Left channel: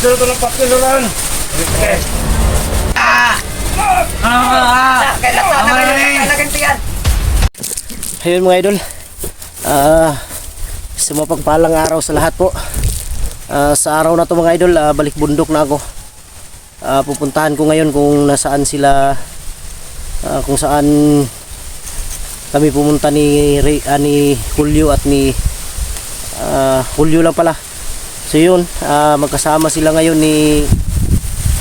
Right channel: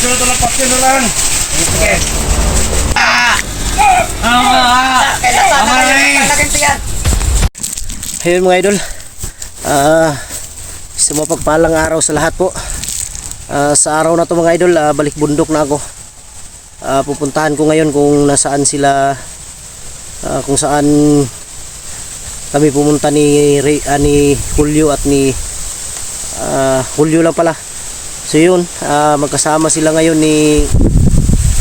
Dito lang patin lang. Okay. Ayun mga idol, sa mapagpalang araw sa lahat po. Sa araw na to mga idol, balik bundok na ako. Pupuntahan ko ngayon kung nasaan sila, kung saan kami pumunta ni Julio at ni Julio lang pala. So yun, magkasama sila ngayon ni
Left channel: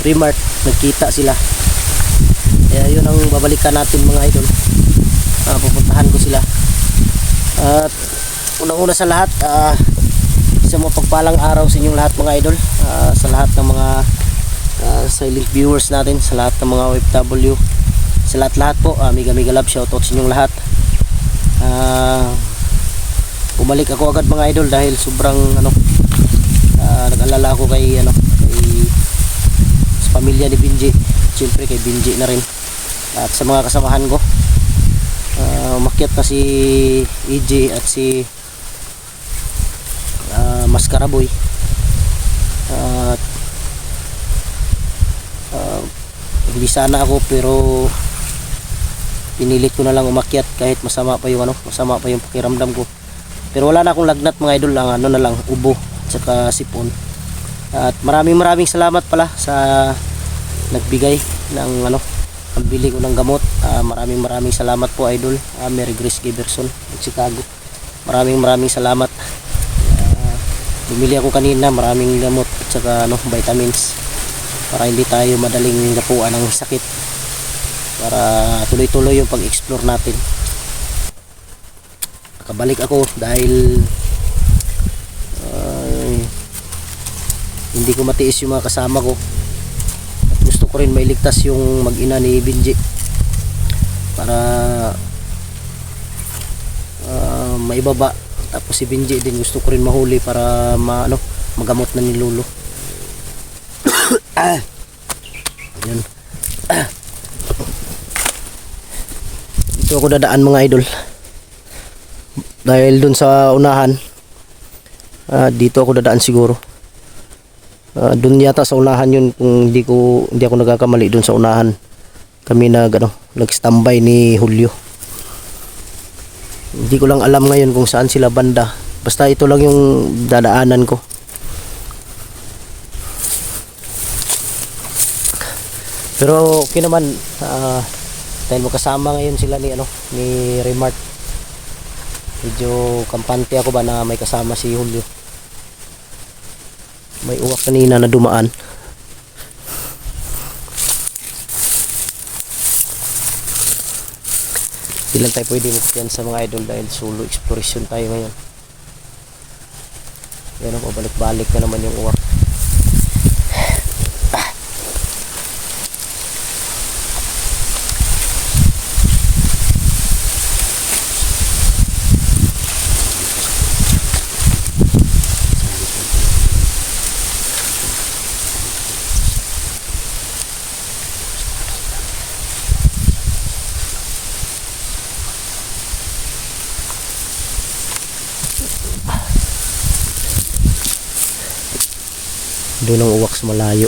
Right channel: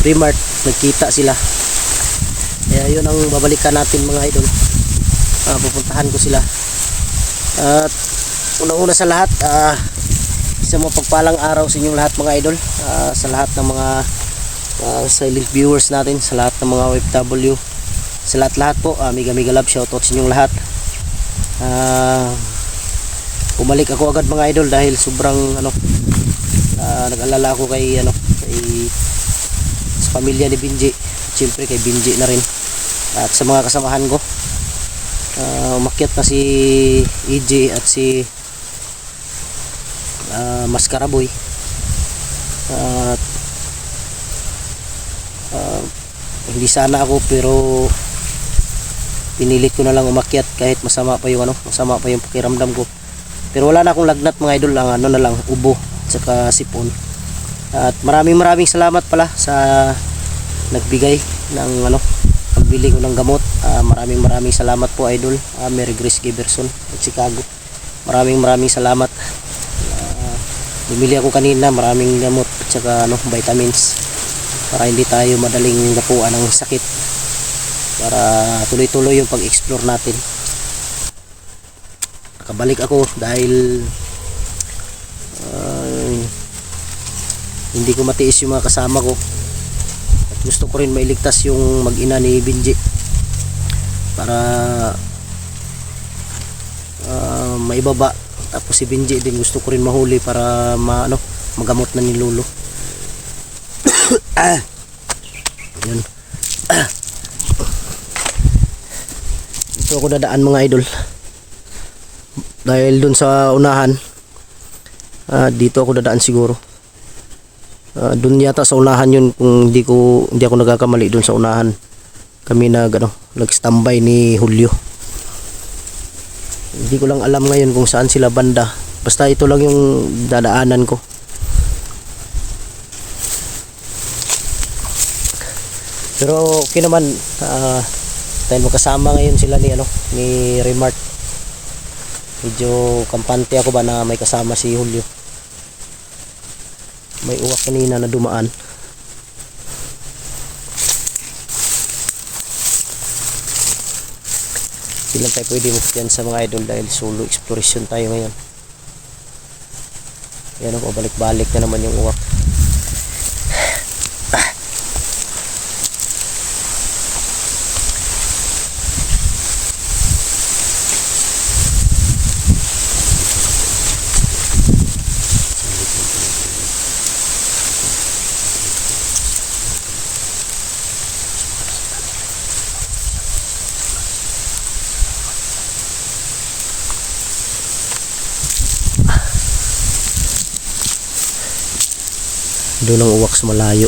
Remart, nagkita sila. Kaya yun ang babalikan natin mga idol. Pupuntahan ko sila. At unang-una sa lahat, isang mapagpalang araw sa inyong lahat mga idol, sa lahat ng mga silent viewers natin, sa lahat ng mga OFW, sa lahat po, mega love, shoutout sa inyong lahat. Bumalik ako agad mga idol dahil sobrang nag-alala ako kay sa pamilya ni Binji, siyempre kay Binji na rin at sa mga kasamahan ko. Umakyat na si EJ at si Mascaraboy at hindi sana ako, pero pinilit ko na lang umakyat kahit masama pa yung pakiramdam ko. Pero wala na akong lagnat mga idol, lang na lang ubo at saka sipon. At maraming salamat pala sa nagbigay ng pambili ko ng gamot. Maraming salamat po idol, Mary Grace Giberson at Chicago. Maraming salamat. Bumili ako kanina maraming gamot at saka vitamins para hindi tayo madaling gapuan ng sakit, para tuloy-tuloy yung pag-explore natin. Nakabalik ako dahil hindi ko matiis yung mga kasama ko at gusto ko rin mailigtas yung mag-ina ni Binji para maibaba. Tapos si Binji din gusto ko rin mahuli para magamot na ni Lolo. Yun. Dito ako dadaan mga idol dahil dun sa unahan, dito ako dadaan siguro. Dun yata sa unahan yun, kung hindi ako nagkakamali, dun sa unahan kami nag-standby ni Julio. Hindi ko lang alam ngayon kung saan sila banda, basta ito lang yung dadaanan ko. Pero okay naman, dahil magkasama ngayon sila ni Remart. Medyo kampante ako ba na may kasama si Julio. May uwak kanina na dumaan. Hindi lang tayo pwede magpian sa mga idol dahil solo exploration tayo ngayon. Yan, pabalik-balik na naman yung uwak. Doon ang uwak sa malayo.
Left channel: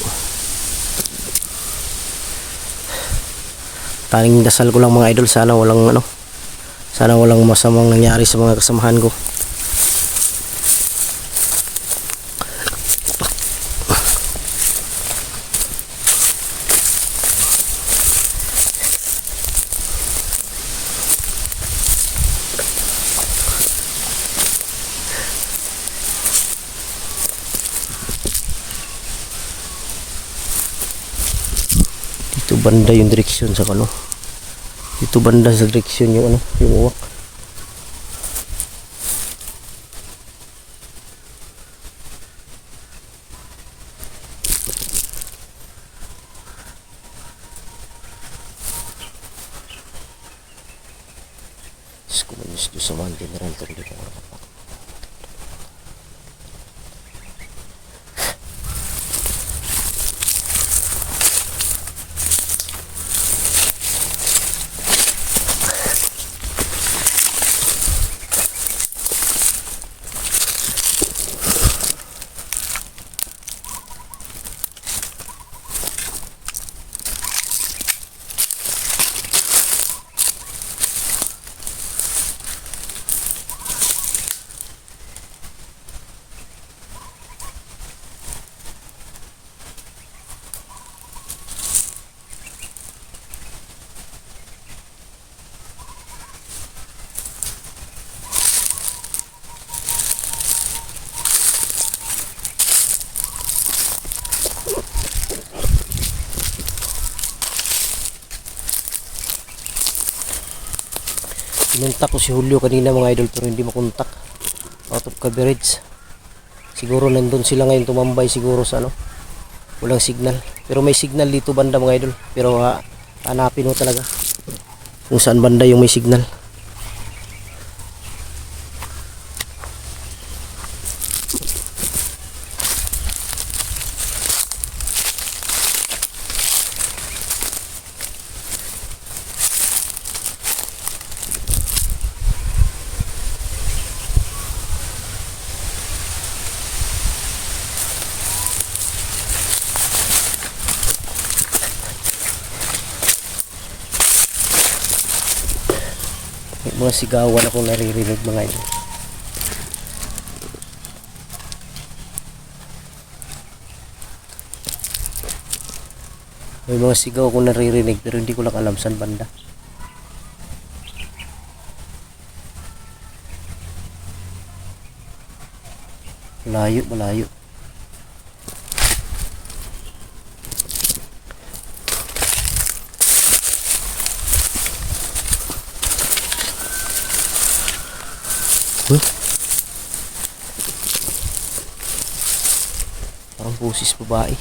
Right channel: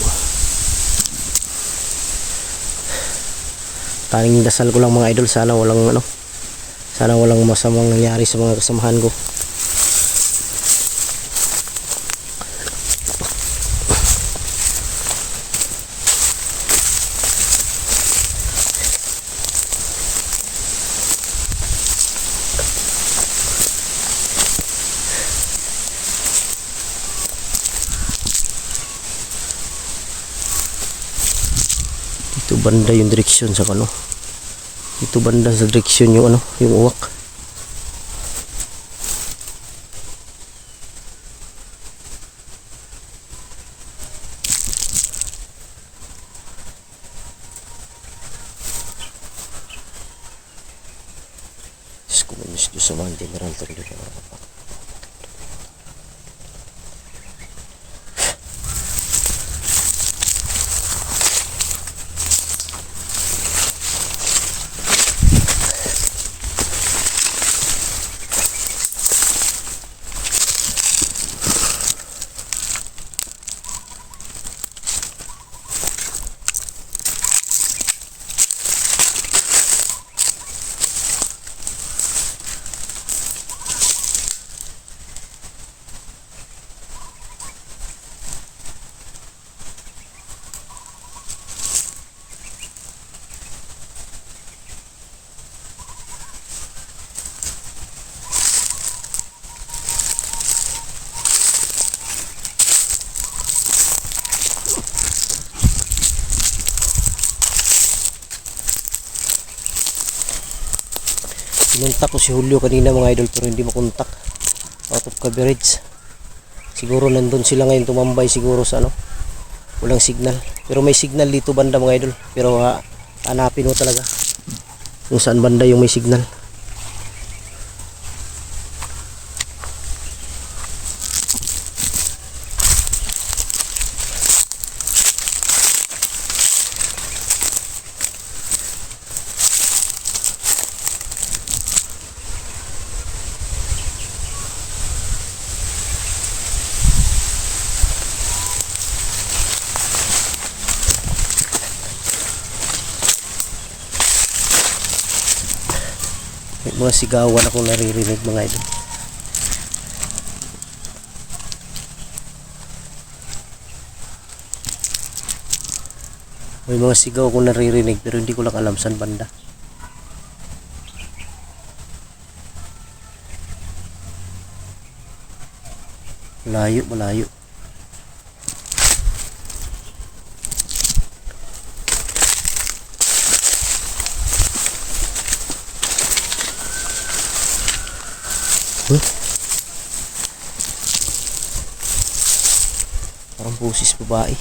Tanging dasal ko lang mga idol, sana walang masamang nangyari sa mga kasamahan ko. Ito banda yung direksyon sa ito banda sa direksyon yung yung uwak. Komunis sa mga general to dito. Pinuntak ko si Julio kanina mga idol pero hindi makontak. Out of coverage. Siguro nandun sila ngayon tumambay siguro sa ano. Walang signal. Pero may signal dito banda mga idol. Pero hanapin mo talaga kung saan banda yung may signal. May mga sigawan akong naririnig mga idol. May mga sigaw akong naririnig pero hindi ko lang alam saan banda. Malayo, malayo. Parang busis babae.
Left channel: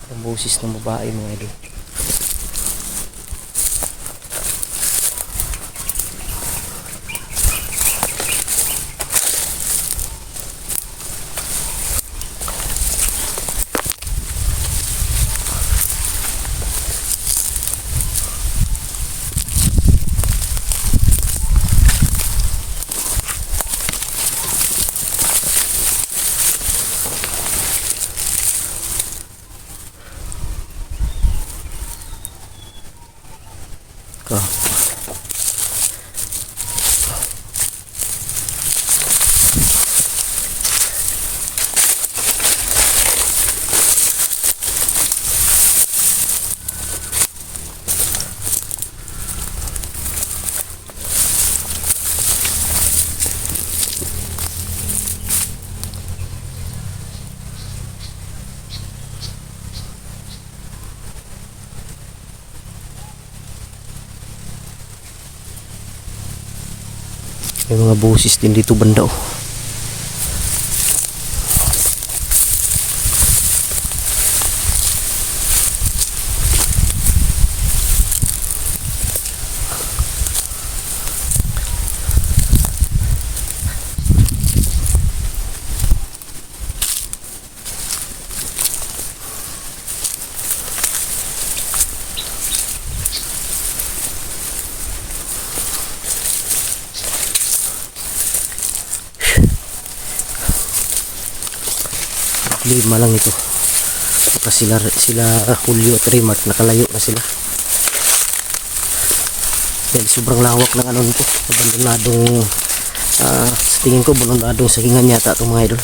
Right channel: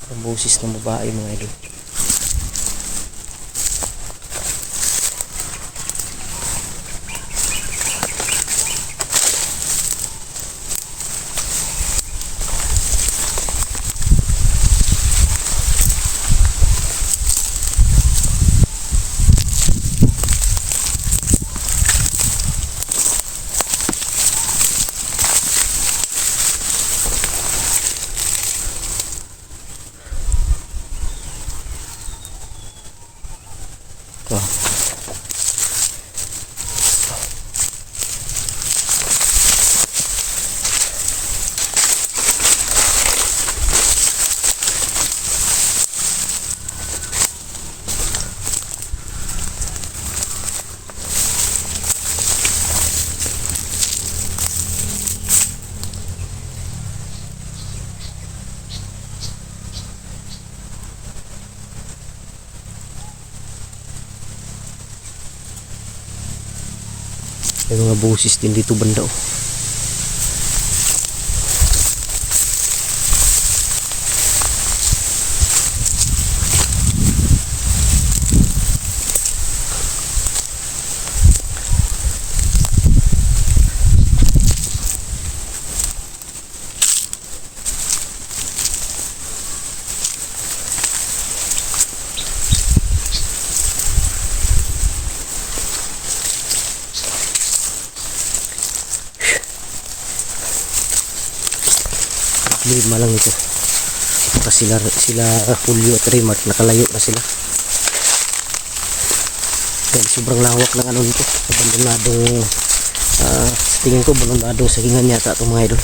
Parang busis ng babae mga idol. Oh. May mga boses din dito banda oh. Lima lang ito kasi sila Julio at Rimark nakalayo na sila dahil sobrang lawak ng ano nito, abandonadong sa tingin ko abandonadong sagingan yata itong mga idol.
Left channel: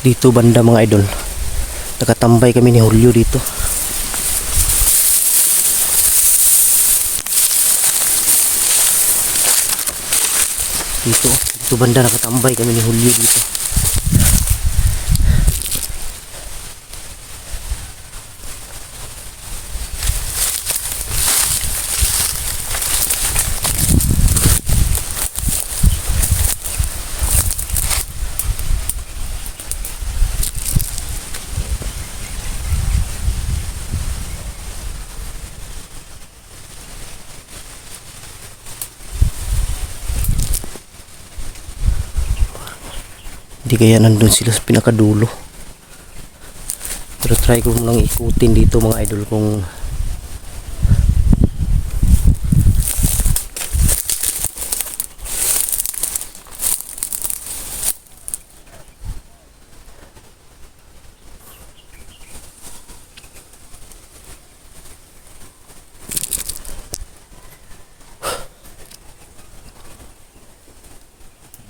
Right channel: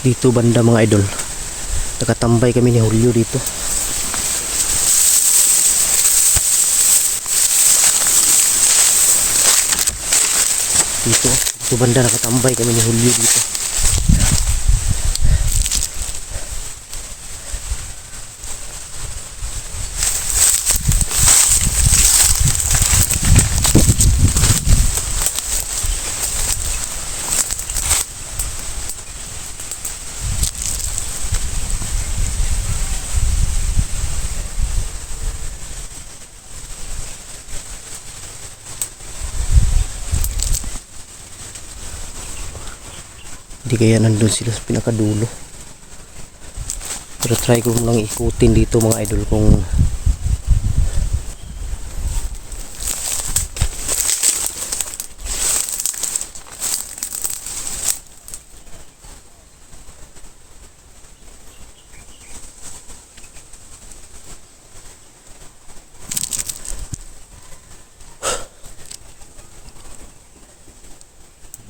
Dito banda mga idol, nakatambay kami ni Julio dito. Dito banda nakatambay kami ni Julio dito. Hindi kaya nandun sila sa pinakadulo. Pero try ko lang ikutin dito mga idol kung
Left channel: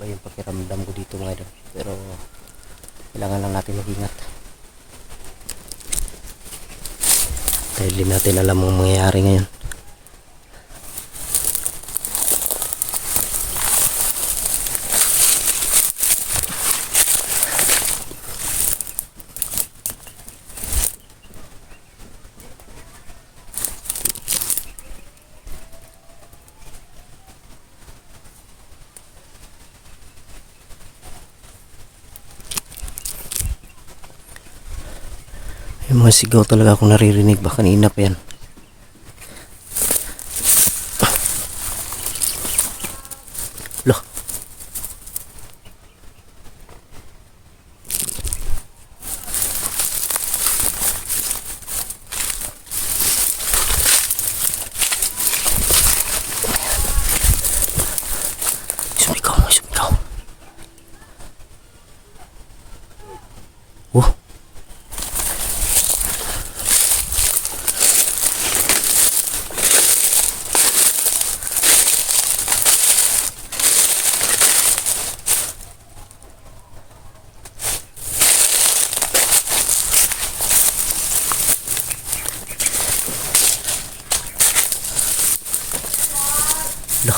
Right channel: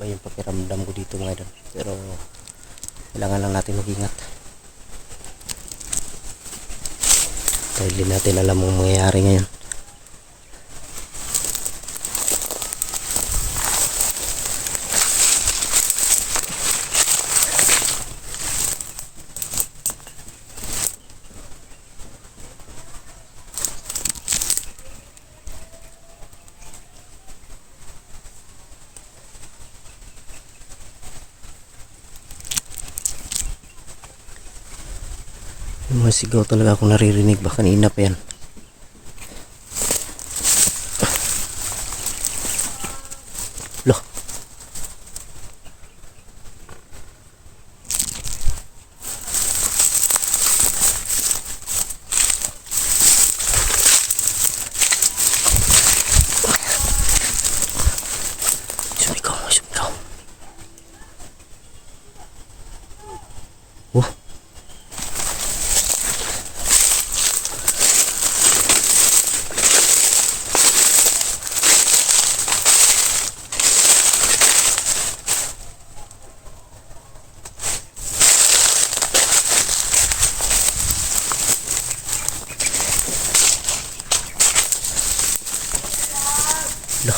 ba yung pakiramdam ko dito mga idol. Pero kailangan lang natin mag-ingat. Dahil di natin alam ang mangyayari ngayon. Yung mga sigaw talaga akong naririnig ba kanina pa yan. Loh. Sumigaw. Oh. Loh.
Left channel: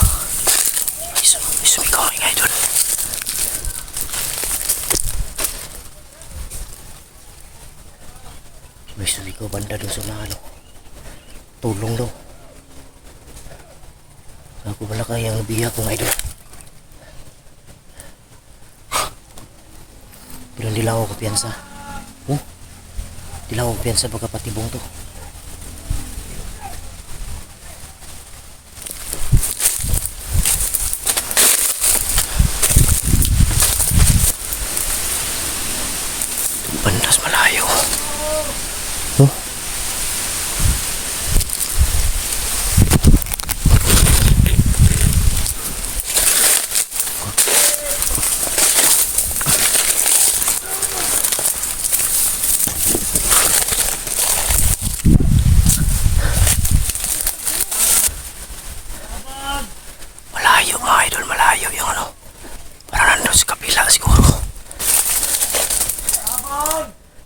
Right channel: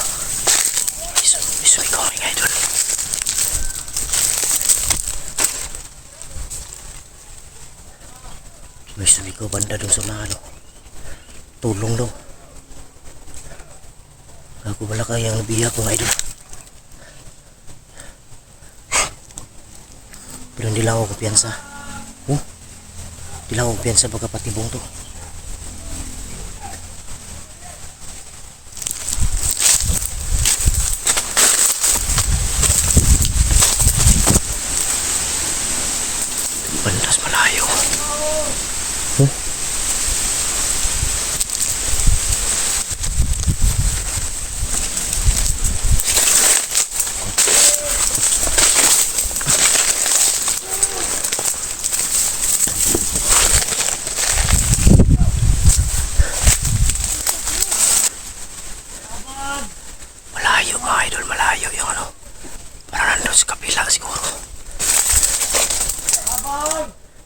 Sumigaw mga idol. May sumigaw banda doon sa mga tulong daw. Ako bala kayang nabiyak mga idol. Pero hindi lang ako kumpiyansa. Hindi lang ako kumpiyansa pagkapatibong to. Bandas malayo. Malayo mga idol, malayo yung parang nandun sa kapila siguro.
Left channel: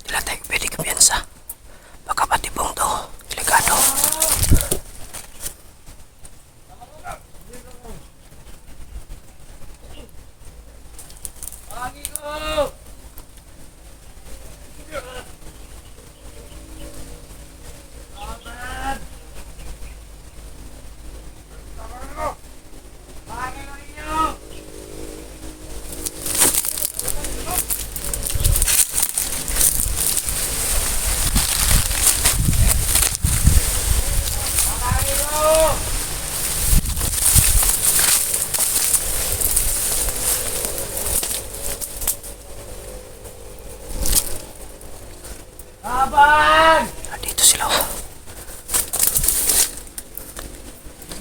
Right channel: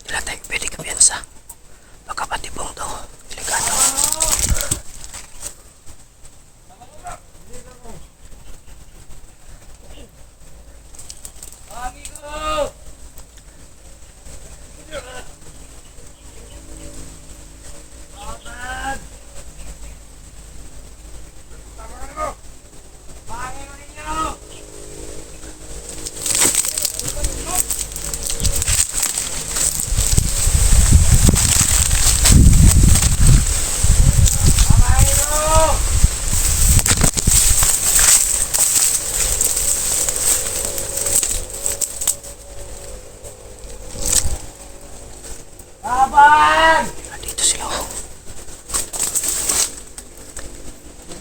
Hindi lang tayo pwede kumpiyansa. Pagkapatibong to, delikado. Laban! Dito sila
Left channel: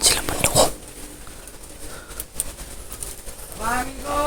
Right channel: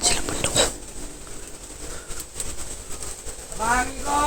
Sila bundok. Bangin ko!